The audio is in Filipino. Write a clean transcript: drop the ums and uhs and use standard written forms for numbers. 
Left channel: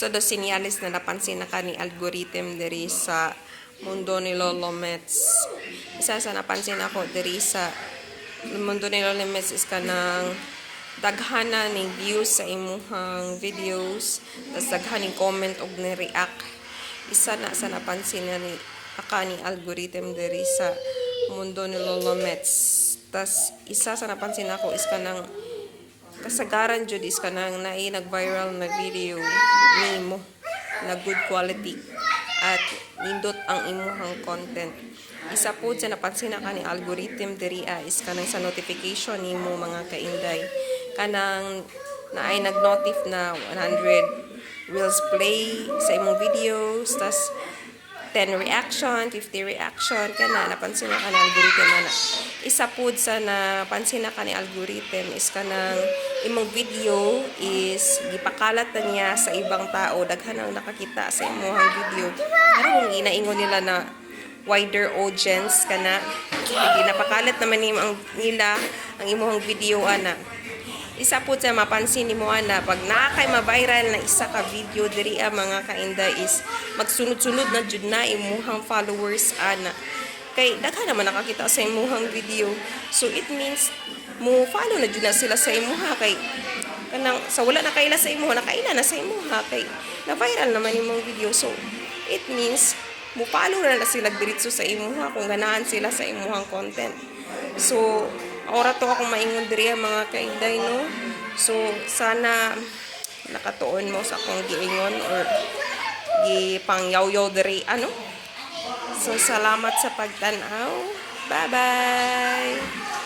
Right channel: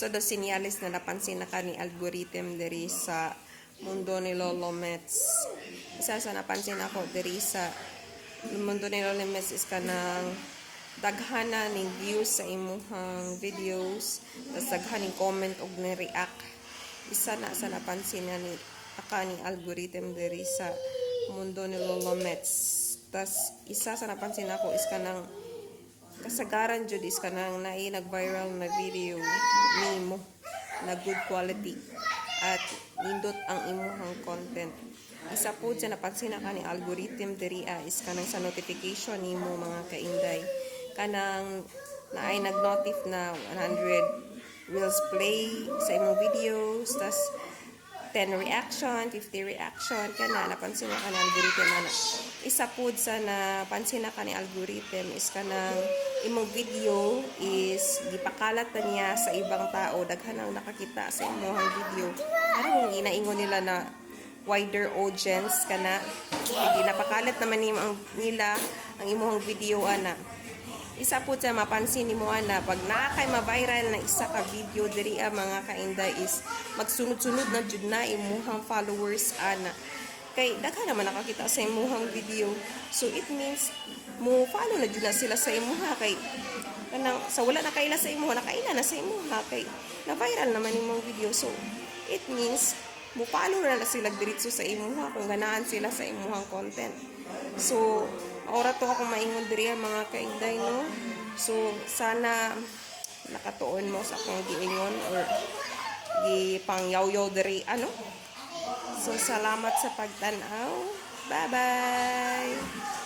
Isa do sinyalis na napansin na ka ni algorithm diri sa mundo ni Lolo Mets. Isa sa napansin ako diri sa mundo ni Lolo Mets is kanang daghana ni views sa imuhang videos, tas daghan ni comment og ni react. Isa na sa napansin na ni aka ni algorithm diri sa mundo ni Lolo Mets. Tas isa sa napansin ako is kanang kasagaran jud is kanang nag-viral na video nimo na good quality at nindot ang imuhang content. Isa po sa napansin na ka ni algorithm diri is kanang sa notification nimo mga kainday kanang naay nag-notif na 100 reels play sa imong videos, tas 10 reaction, 50 reaction, kana napansin na ka ni algorithm na. Isa po sa napansin na ka ni algorithm is kanang imong video is gipakalat na niya sa ibang tao, daghan ang nakakita sa imong video. Ano kung inaingon nila na wider audience kana, hindi napakalat naman nila ang imong video ana. Isa po sa mapansin nimo ana pag naa kay ma-viral na isa ka video diri mga kainday is magsunod-sunod na jud na imuhang followers ana. Kay daghan naman nakakita sa imuhang video. So it means mo follow na jud na sila sa imuha kay kanang sa wala na kaila sa imuha, nakaila na sa imuha kay na viral naman imong video. So it means mo follow na sila diretso sa imuha kung ganahan sila sa imuhang content. So ora to akong maingon diri mga kainday no. So sana nakatuon mo sa akong giingon or gipangyaw-yaw diri ano. So salamat sa pagtan-aw. Bye bye.